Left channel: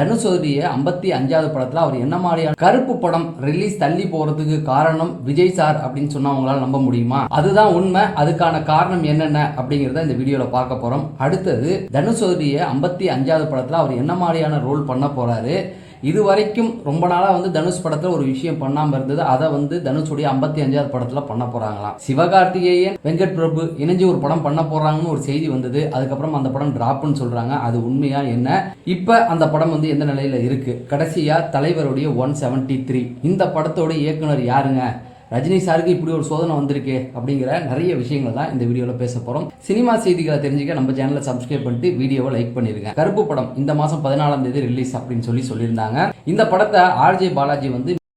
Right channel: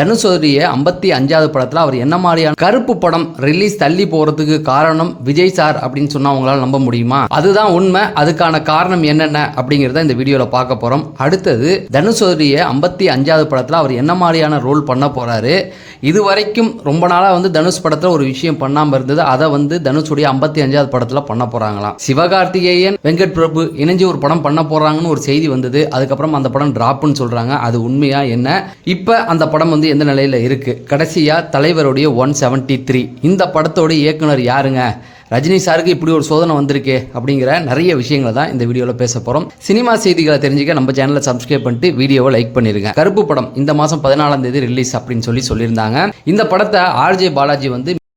தனுஷோடைய 55வது படத்தில் அவர் என்ன மாதிரியான கருப்பு படம் ரிலீஸ் தள்ளி போகிறதுக்கு காரணம் விஜய் சார் அப்படின்னு சொன்னால் அவங்களால நம்ப முடியுமா? அதுதான் உண்மை. அதுக்கான காரணம் என்னென்ன அப்படிங்கிறத இந்த வீடியோவில் பார்க்க போகிறோம். அடுத்தது தனுஷோடைய 55வது படத்தில் அவர் என்ன மாதிரியான ரோல் பண்ண போகிறாரு. இது வரைக்கும் ரொம்ப நாளாக தனுஷ் படத்தில் ஒரு விஷயம் பண்ணாமல் இருந்தது. அதை தனுஷுடைய 55வது படத்தில் பண்ண போகிறாங்களாம். சிவகார்த்திகேயன் வெங்கட் பிரபு இணைஞ்சு ஒரு படம் பண்ண போகிறாங்கன்னு ஒரு செய்தி வந்தது. அதுக்கப்புறம் அந்த படம் டிராப்னு சொல்கிறாங்க. அது உண்மையா என்ன? இப்போ அந்த படம் எந்த நிலையில் இருக்கு? கடைசியா தலைவருடைய 173 இந்த படத்தோட இயக்குனர் யாருங்க? ரஜினி சாருக்கு இப்படி ஒரு சோதனை வந்திருக்கு அப்படிங்கிற நிறைய விஷயங்களை தான் இந்த வீடியோவில் பேச போகிறோம். சினிமா செய்திகளை தெரிஞ்சுக்க நம்ம சேனலை சப்ஸ்கிரைப் பண்ணிட்டு வீடியோவை லைக் பண்ணிருங்க. கருப்பு படம் இந்த மாதம் 14ஆம் தேதி ரிலீஸ் அப்படின்னு சொல்லியிருந்தாங்க. இந்த படத்தை ஆர்ஜே பாலாஜி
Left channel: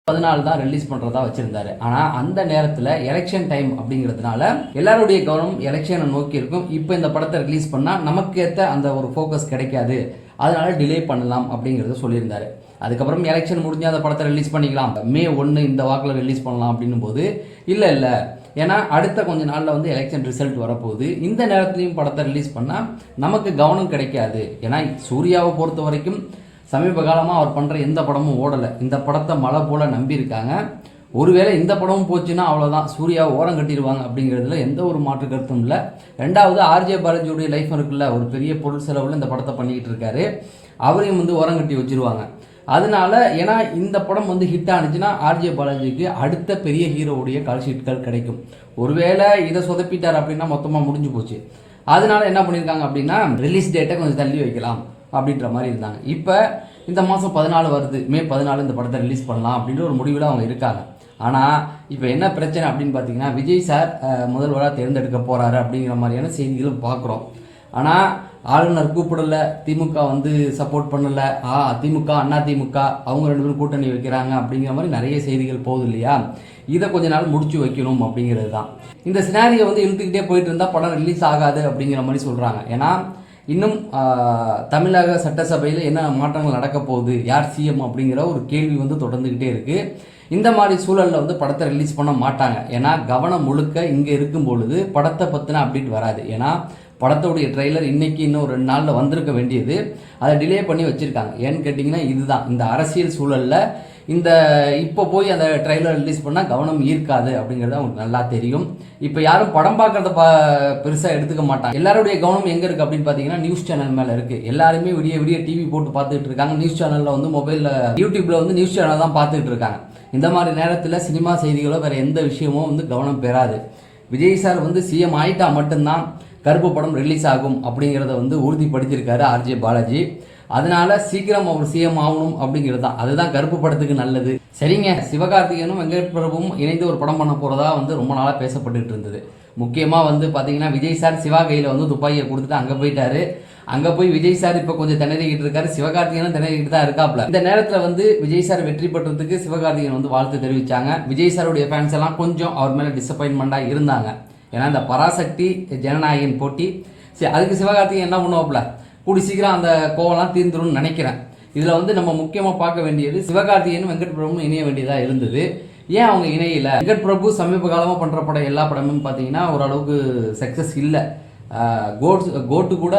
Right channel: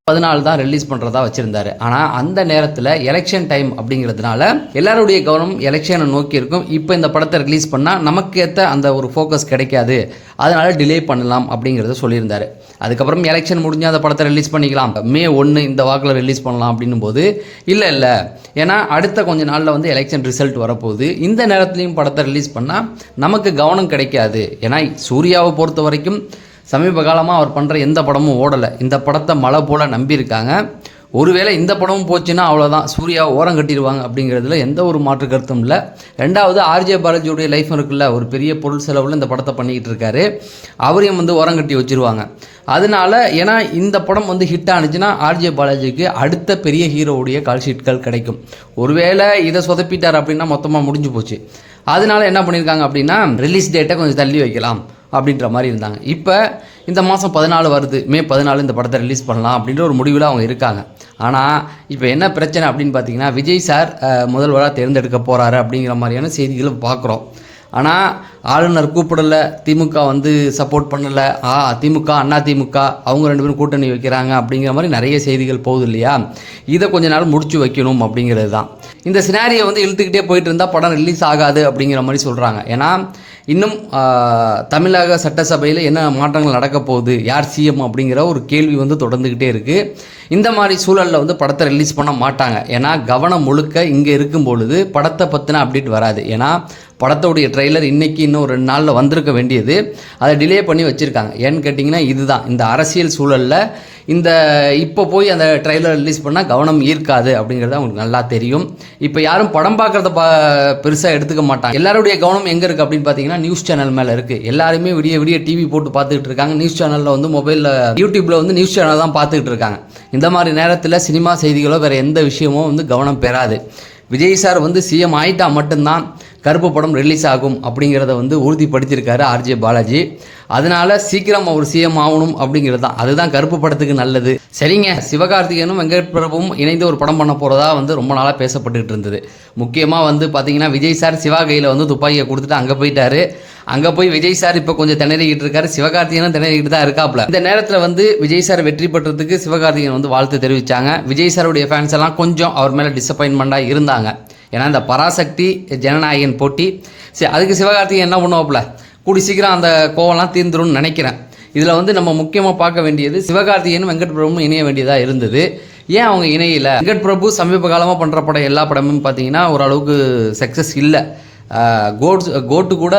14 தான் ரிலீஸ் பண்ணுறதா வச்சுருந்தாரு. ஆனால் அந்த நேரத்தில் எலெக்ஷன் டைம் அப்படிங்கிறதுனால எல்லாருடைய கவனம் எலெக்ஷனை நோக்கி இருக்கும். இப்போ இந்த படத்தை ரிலீஸ் பண்ணால் நமக்கு ஏற்ற அந்த ஒரு ஃபோக்கஸ் கிடைக்காது, அதனால் டிலே பண்ணலாம் அப்படிங்கிறத சொல்லியிருந்தாரு. அதுக்கப்புறம் எலெக்ஷன் முடிஞ்சால் அந்த படத்தை ரிலீஸ் பண்ணிக்கலாம், May 1 இந்த வாக்கில் ரிலீஸ் பண்ணலாம் அப்படின்னும் போது இல்லை ஏன்னா அடுத்த கொஞ்ச நாளில் எலெக்ஷன் ரிசல்ட் வரப்போகுது. இந்த நேரத்துலையும் படத்தை ரிலீஸ் பண்ணால் நமக்கு கவனம் கிடைக்காது. ஏன்னா சூர்யாவை பொறுத்த வரைக்கும் சமீப காலமாக அவர் பண்ணுற எந்த படமும் ஓடலை. இந்த படத்தை மழை போல் நம்பியிருக்காங்க. ஒருவேளை இந்த படமும் போச்சுன்னா அவ்வளோதான், சூர்யாவை ஓரம் கட்டிடுவாங்க அப்படிங்கிறதுல எந்த ஒரு மாற்று கருத்தும் இல்லை. ரெண்டாவது ஆர்ஜே பாலாஜியுடைய லைஃப் இருக்குல்ல, ஒரு பெரிய பொருள் செலவில் இந்த படத்தை பண்ணிக்கிட்டு இருக்காரு. அவரையும் ஓரம் கட்டி வச்சுருவாங்க. அதனால ஏன்னா இந்த படம் ஹிட் ஆனிச்சுன்னா ஆர்ஜே பாலாஜிக்கு அடுத்த பெரிய ஹீரோவுடைய கால்ஷீட்கள் கிடைக்கும். ஒருவேளை இதை சொதப்பிட்டார் அப்படின்னா மொத்தமாக முடிஞ்சு போச்சு. அதனால என்ன பண்ணியிருக்காங்க அப்படின்னா ரிலீஸ் டேட்டை கொஞ்சம் தள்ளி வைக்கலாம் அப்படின்ற மாதிரி இருந்தாங்க. இப்போ இந்த மாதம் 14 வருது, May 14 இந்த படத்தை ரிலீஸ் பண்ணலாம் அப்படின்ற ஒரு முடிவில் அவங்க இருக்காங்க. ஆனால் இப்போ என்ன பிரச்சனை அப்படின்னு பார்த்தீங்கன்னா, விஜய் சார் முதல்வராக தேர்ந்தெடுக்க போகிறாரு அப்படிங்கிற மாதிரியான செய்திகளும் பார்க்குறோம். ஆனால் ஆளுநர் கூப்பிடலை, திமுக சப்போர்ட் பண்ணலை, திமுக அண்ணா திமுக அவங்க 2 பேரும் கூட்டணி வைக்கிறாங்க அப்படிங்கிற மாதிரி நிறைய செய்திகள் போகுது இல்லையா? இதை கொஞ்ச நாள் முடிச்சு வைக்கணும் அப்படிங்கிறது தான். இந்த சினாரியை இழுத்துக்கிட்டே போயிட்டு இருந்தால் படம் ரிலீஸ் ஆகாது அப்படிங்கிற மாதிரி சொல்கிறாங்க. ஏன்னா இன்னும் தமிழக சட்டசபையில் என்ன மாற்றங்கள் நடக்க போகுது, யார் சிஎம் அப்படிங்கிற ஒரு கேள்வி தொடர்ந்துக்கிட்டே இருக்குது. இந்த மாதிரி சூழலில் படத்தை ரிலீஸ் பண்ண மாட்டாங்க. ஏன்னா கவனம் முழுக்க இங்கே இருக்கும் பொழுது படத்தை பற்றின அப்டேட் வராது. ஏன்னா படத்தோடைய ட்ரெய்லர் இன்றைக்கி இன்னும் 2 நாளில் வந்திருக்க வேண்டியது, அதை டிலே பண்ணி வச்சுருக்காங்க. ஏன்னு கேட்டிங்கன்னா இதுதான் இந்த அரசியல் சூழலில் இப்போ போய் அந்த ட்ரெய்லர் ரிலீஸ் பண்ணால் கவனம் ஈர்க்காது அப்படிங்கிறது அவங்களுக்கு நல்லா தெரியும். இப்போ யாரும் படம் பார்க்குறத பெருசாக எடுத்துக்க மாட்டாங்க. எல்லாருடைய கவனம் எங்கே இருக்குது அப்படின்னு பார்த்தீங்கன்னா நியூஸ் சேனல் மேலே இருக்குது. எல்லாருமே விடிய டிவி போட்டு பார்த்துக்கிட்டு இருக்காங்க. நியூஸ் சேனலில் மொபைலில் யூடியூப்பில் நியூஸ் சேனல் தான் பார்த்துக்கிட்டு இருக்காங்க. இந்த மாதிரி நேரத்தில் சினிமா செய்திகளோ வேறு எந்த விஷயமும் கவனம் பெறாது. விஜய் சார் சிஎம் ஆயிட்டா மட்டும்தான் கருப்பு படம் ரிலீஸ் ஆகும் அப்படிங்கிறத உறுதிப்படுத்தியிருக்காரு ஆர்ஜே பாலாஜி. அதனால சீக்கிரம் அவர் சிஎம் ஆகணும் அப்படிங்கிறது தான், அதுதான் கருப்பு படத்துக்கு நல்லது. சரிங்க, சிவகார்த்திகேயனும் வெங்கட் பிரபுவும் இணைந்து ஒரு படம் பண்ண போகிறதா ரொம்ப நாளாக பேசப்பட்டுக்கிட்டு இருந்தது. முக்கியமாக பார்த்தீங்கன்னா விஜய் சார் சிவா கையில் துப்பாக்கியை கொடுத்துட்டு அங்கே போயிட்டாரு. அங்கே போய் விஜய் சார் இப்போ கொஞ்சம் திணறிக்கிட்டு இருக்காரு, சிவகார்த்திகேயனும் திணறிக்கிட்டு தான் இருக்காப்புல. இந்த நேரத்தில் விஜய் சார் வெற்றி பெற்றதுக்கு சிவகார்த்திகேயன் வாழ்த்து தெரிவித்தாங்க. விஜய் சாருடைய ஃபேன்ஸ் எல்லாம் கொஞ்சம் அவர் மேலே டிசப்பாயின்மெண்ட்டாக இருந்தாங்க. ஏன்னா இந்த பராசக்தி ஜனநாயகன் போட்டி, சரி அதுக்கு சிவகார்த்திகேயன் என்ன பண்ணுவாப்புல, கூடி சீக்கிரம் அந்த கோவம்லாம் தீர்ந்துரும்னு நினைக்கிறேன். இதில் நம்ம முக்கியமாக பார்க்க வேண்டியது சிவகார்த்திகேயன் வெங்கட் பிரபுவும் இணைய வேண்டியதாக இருந்தது. ஏன் அவங்க இணையில? வெங்கட் பிரபு சமீப காலமாக பண்ணுற படம் எல்லா படமும் பார்த்தீங்கன்னா ஓரளவுக்கு சக்ஸஸ் இல்லை. கோட்டு கூட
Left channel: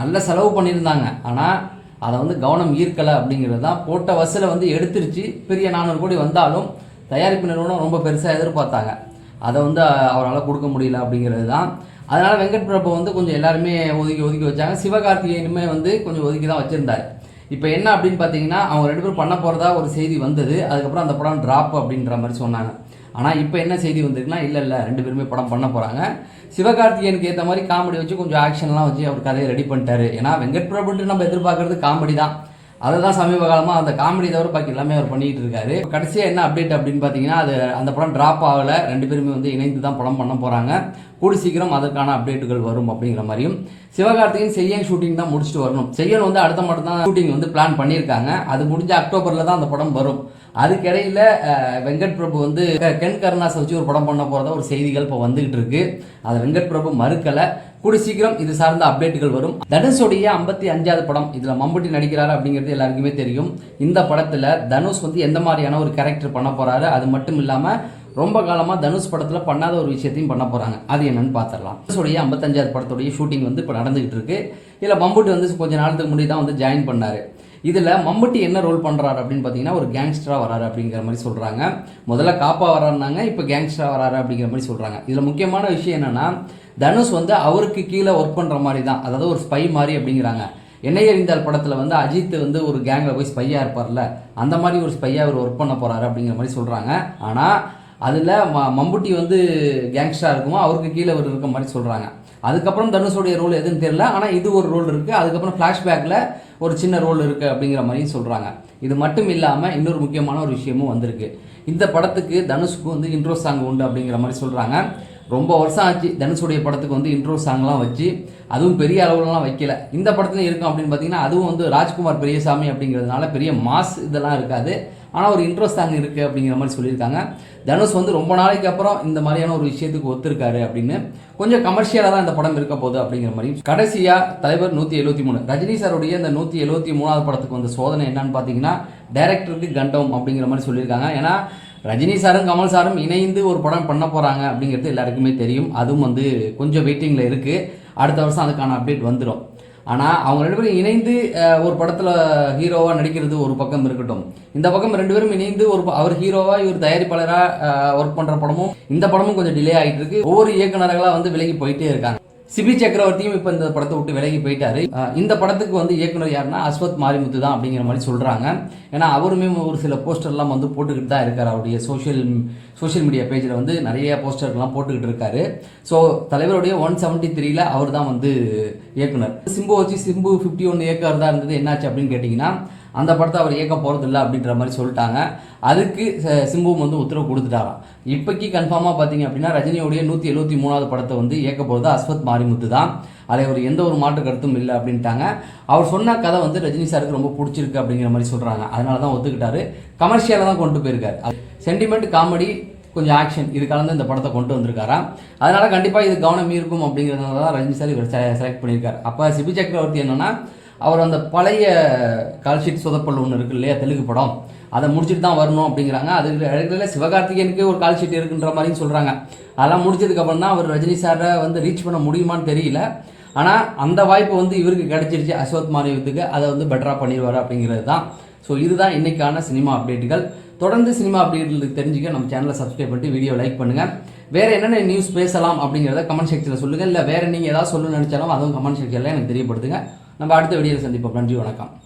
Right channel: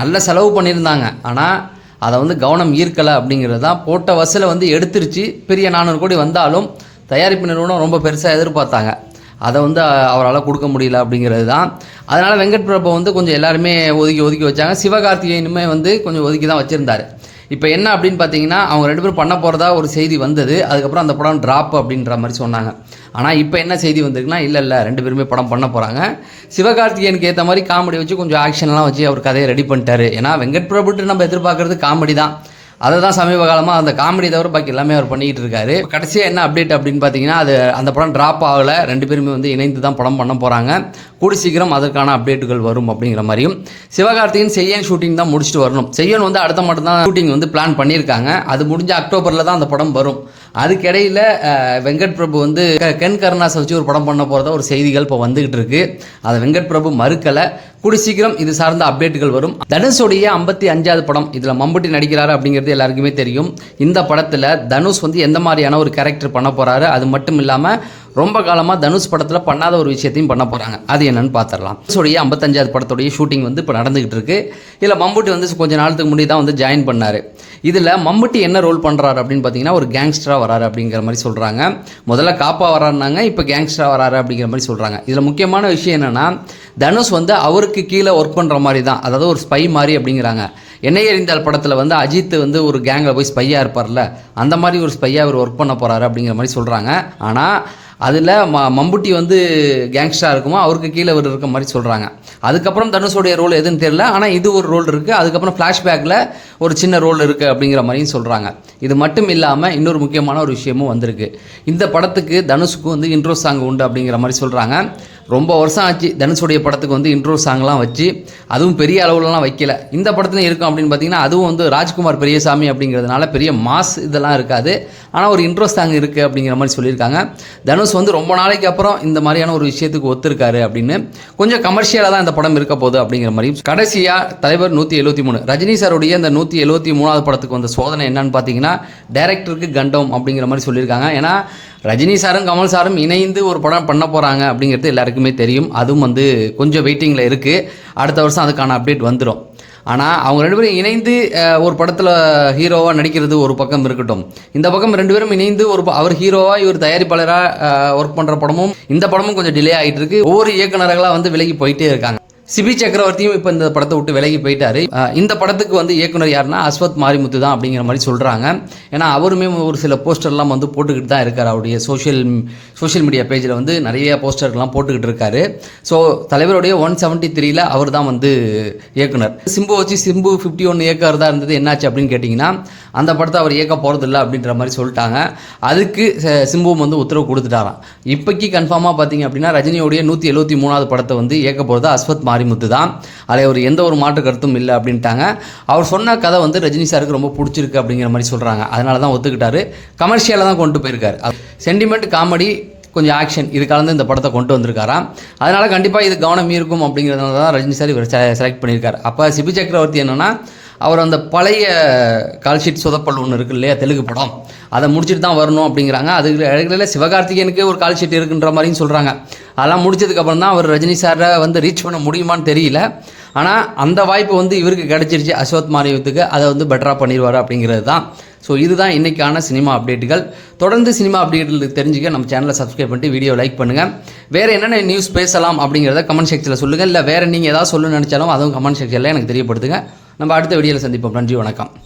நல்ல செலவு பண்ணியிருந்தாங்க, ஆனால் அதை கவனம் ஈர்க்கலை அப்படிங்கிறது தான். போட்ட வசூலை எடுத்துருச்சு. பெரிய 400 கோடி வந்தாலும் தயாரிப்பு நிறுவனம் ரொம்ப பெருசாக எதிர்பார்த்தாங்க, அதை அவரால் கொடுக்க முடியல அப்படிங்கிறது தான். அதனால் வெங்கட் பிரபு கொஞ்சம் எல்லாருமே ஒதுக்கி வச்சாங்க. சிவகார்த்திகேயனுமே கொஞ்சம் ஒதுக்கி தான் வச்சுருந்தார். இப்போ என்ன அப்படின்னு பார்த்தீங்கன்னா அவங்க 2 பேரும் பண்ண போகிறதா ஒரு செய்தி வந்தது. அதுக்கப்புறம் அந்த படம் ட்ராப் அப்படின்ற மாதிரி சொன்னாங்க. ஆனால் இப்போ என்ன செய்தி வந்திருக்குன்னா இல்லை 2 பேருமே படம் பண்ண போகிறாங்க. சிவகார்த்திகேயனுக்கு ஏற்ற மாதிரி காமெடி வச்சு கொஞ்சம் ஆக்ஷன்லாம் வச்சு அவர் கதையை ரெடி பண்ணிட்டாரு. ஏன்னா வெங்கட் பிரபுட்டு நம்ம எதிர்பார்க்குறது காமெடி தான். அதை தான் சமீப காலமாக அந்த காமெடி தவிர பாக்கி எல்லாமே அவர் பண்ணிக்கிட்டு இருக்காரு. கடைசியாக என்ன அப்டேட் அப்படின்னு பார்த்தீங்கன்னா அந்த படம் ட்ராப் ஆகலை. 2 பேருமே இணைந்து தான் படம் பண்ண போகிறாங்க. கூடி சீக்கிரம் அதற்கான அப்டேட்டுகள் வரும் அப்படிங்கிற மாதிரியும். சிவகார்த்திகேயன் செய்யன் ஷூட்டிங் தான் முடிச்சுட்டு வரணும். செய்யன் அடுத்த மட்டும் தான் ஷூட்டிங் பிளான் பண்ணியிருக்காங்க. அது முடிஞ்ச அக்டோபரில் தான் அந்த படம் வரும். அதுக்கிடையில் வெங்கட் பிரபு கென் கருணாஸை வச்சு ஒரு படம் பண்ண போகிறதா ஒரு செய்திகள் இப்போ வந்துகிட்டு இருக்கு. அதை வெங்கட் பிரபு மறுக்கலை. கூடி சீக்கிரம் இது சார்ந்த அப்டேட்டுகள் வரும். தனுஷுடைய 55வது படம், இதில் மம்புட்டி நடிக்கிறாரு அப்படிங்கிறது எல்லாருக்குமே தெரியும். இந்த படத்தில் தனுஷ் எந்த மாதிரியான ஒரு கேரக்டர் பண்ண போகிறாரு, அது மட்டும் இல்லாமல் ரொம்ப காலமாக தனுஷ் படத்தில் பண்ணாத ஒரு விஷயத்தையும் பண்ண போகிறாங்க. அது என்னன்னு பார்த்துடலாம். தனுஷோடைய 55வது படத்துடைய ஷூட்டிங் வந்து இப்போ நடந்துகிட்டு இருக்கு. இதில் மம்முட்டி வந்து கொஞ்ச நாளத்துக்கு முன்னாடி தான் வந்து ஜாயின் பண்ணார். இதில் மம்முட்டி என்ன ரோல் பண்ணுறாரு அப்படின்னு பார்த்தீங்கன்னா ஒரு கேங்ஸ்டராக வராரு அப்படிங்கிற மாதிரி சொல்கிறாங்க. முதல்ல காப்பா வராருனாங்க, இப்போ கேங்ஸ்டராக வராரு அப்படிங்கிற மாதிரி சொல்கிறாங்க. இதில் முக்கியமான விஷயம் என்னென்னா தனுஷ் வந்து அவருக்கு கீழே ஒர்க் பண்ணுற மாதிரி தான், அதாவது ஒரு ஸ்பை மாதிரி அப்படிங்கிறாங்க. என்னை எறிந்தால் படத்தில் வந்து அஜித் வந்து ஒரு கேங்கில் போய் ஸ்பையாக இருப்பார்ல, அந்த மாதிரி ஒரு ஸ்பையாக அவர் ஒர்க் பண்ண போகிறாரு அப்படிங்கிற மாதிரி சொல்கிறாங்க. ஆனால் அதில் மம்முட்டி வந்து கேங்ஸ்டராக இருக்குமோ அவருக்கு கீழே அவர் இருக்க மாதிரி சொல்கிறாங்க. அதுக்கப்புறம் தனுஷோடைய ரோல் எதுன்னு தெரியல, ஆனால் இது ஒரு ரோல் இருக்குது. அதுக்கப்புறம் ஃப்ளாஷ்பேக்கில் ஒரு சின்ன ரோல் இருக்குது அப்படிங்கிற மாதிரியும் சொல்கிறாங்க. இது மட்டும் இல்லாமல் இன்னொரு முக்கியமான ஒரு விஷயமும் வந்திருக்கு. இந்த படத்துக்கு தனுஷுக்கு வந்து இன்ட்ரோ சாங் உண்டு அப்படிங்கிற மாதிரி சொல்கிறாங்க. ரொம்ப வருஷம் ஆச்சு தனுஷுடைய படத்துக்கு வந்து இன்ட்ரோ சாங்லாம் வச்சு, அதுவும் பெரிய அளவுலலாம் வைக்கல. இந்த படத்துலையும் இருக்கும் அப்படின்னு பார்த்தீங்கன்னா அதுவும் வந்து ராஜ்குமார் பெரியசாமி அப்படிங்கிறதுனால பெரிய மாஸ் இதெல்லாம் இருக்காது. ஆனால் ஒரு இன்ட்ரோ சாங் இருக்குது அப்படிங்கிற மாதிரி சொல்லியிருக்காங்க. தனுஷ் வந்து ரொம்ப நாளைக்கு அப்புறம் இந்த மாதிரியான ஒரு விஷயத்துக்கு ஒத்துருக்காரு அப்படின்னு. கொஞ்சம் கமர்ஷியலாக தான் இந்த படம் இருக்க போகுது அப்படிங்கிற மாதிரி. கடைசியாக தலைவர் 173 ரஜினி சாருடைய இந்த 173வது படத்துக்கு வந்த சோதனை என்னன்னு பார்த்தீங்கன்னா டைரக்டருக்கு கண்டம் அப்படிங்கிற மாதிரி சொல்லியிருக்காங்க. ஏன்னா ரஜினி சாரும் கமல் சாரும் இணைந்து ஒரு படம் பண்ண போகிறாங்க அப்படிங்கிறது எல்லாருக்குமே தெரியும். அதுவும் வந்து கொஞ்சம் வெயிட்டிங்கில் இருக்குது. அடுத்த வருஷம் அதுக்கான அப்டேட் வந்துடும். ஆனால் அவங்க 2 பேரும் இணைந்து ஒரு படத்தில் ஹீரோவாக நடிக்கிறது ஒரு பக்கம் இருக்கட்டும், இந்த பக்கம் 2 பேரும் இணைந்து அவர் ஹீரோவாக இவர் தயாரிப்பாளராக ஒர்க் பண்ணுற படமும் இந்த படமும் கொஞ்சம் டிலே ஆகிட்டு இருக்கு. ஒவ்வொரு இயக்குநர்களாக வந்து விலகி போயிட்டே இருக்காங்க. சிபி சக்கரவர்த்தியும் இப்போ இந்த படத்தை விட்டு விலகி போயிட்டாரு. இந்த படத்துக்கு வந்து இயக்குனர் யாருன்னா அஸ்வத் மாரிமுத்து தான் அப்படிங்கிற மாதிரி சொல்கிறாங்க. ஏன்னா அவருமே ஒரு சில போஸ்டர்லாம் வந்து போட்டுக்கிட்டு தான் இருக்கார். அவருடைய சோஷியல் மீடியா பேஜில் வந்து நிறைய போஸ்டர்லாம் போட்டுக்கிட்டு இருக்காரு. ஸோ தலைவருடைய 173ல் அவர் தான் வந்து இயக்குனர். சிம்பு வச்சு சிம்பு 51 இயக்கர் தான் இருந்தது. என்னாச்சு அப்படின்னு கேட்டிங்கன்னா அந்த படத்தை அவர் இயக்க போகிறதில்ல அப்படின்ற மாதிரி சொல்லிட்டாங்க. அதுக்கு சிம்புவும் வந்து உத்தரவு கொடுத்துட்டாராம். இப்போக்கி கன்ஃபார்மாக பார்த்தீங்க அப்படின்னா ரஜினியோடைய 173வது படத்தை வந்து இயக்க போகிறது அஸ்வத் மாரிமுத்து தான். அதில் அவர் எந்த ஒரு மாற்று கருத்தும் இல்லை அப்படின்ட்டாங்க. அவர் சொன்ன கதை வந்து ரஜினி சாருக்கு ரொம்ப பிடிச்சிருக்கு அப்படிங்கிற மாதிரி சொல்கிறாங்க. அதனால தான் ஒத்துக்கிட்டாரு. கமர்ஷியலாக தான் கொண்டு போயிருக்காரு. சென்டிமெண்ட், காமெடி, கொஞ்சம் ஆக்ஷன் இது கலந்து இந்த படத்தை கொண்டு வந்திருக்காராம். அதனால் கண்டிப்பாக இது கவனம் இருக்கும் அப்படிங்கிறதுனால தான் ரஜினி சார் இவர் செலக்ட் பண்ணியிருக்காரு. அப்போ சிபி சக்கரவர்த்தி என்னென்னா அவர் அந்த பழைய கால்ஷீட் சொதப்பல் ஒன்று இருக்குது இல்லையா, தெலுங்கு படம், அதை முடிச்சுட்டு தான் வரணும் அப்படிங்கிறாங்க. அதுக்கு இடையில சிவகார்த்திகேயனுக்கு ஒரு கால்ஷீட் இருக்குன்ற மாதிரியும் சொல்கிறாங்க. அதெல்லாம் முடிச்சதுக்கப்புறம் தான் அவர் ரஜினி சாரை வந்து ரீச் பண்ண முடியுமான்னு தெரியல. ஆனால் அந்த வாய்ப்பு வந்து இவருக்கு கிடச்சிருச்சு அஸ்வத் மாரிமுத்துக்கு. அதை வந்து பெட்டராக பண்ணிடுவார் அப்படிங்கிறது தான். ஸோ இதுதான் இன்றைக்கான சினிமா அப்டேட்டுகள். தொடர்ந்து சினிமா அப்டேட்டுகளுக்கு தெரிஞ்சுக்க நம்ம சேனலை சப்ஸ்கிரைப் பண்ணிட்டு வீடியோ லைக் பண்ணுங்கள். வேறு என்னென்ன நியூஸ் பேசலாம் அப்படிங்கிறத கமெண்ட் செக்ஷனில் சொல்லுங்கள். இல்லை வேறு நீங்கள் ஏதாவது சொல்லணும்னு நினச்சாலும் அதுவும் கமெண்ட் செக்ஷனில் எனக்கு தெரியப்படுத்துங்க. நம்ம அடுத்த வீடியோவில் சந்திப்போம். நன்றி, வணக்கம்.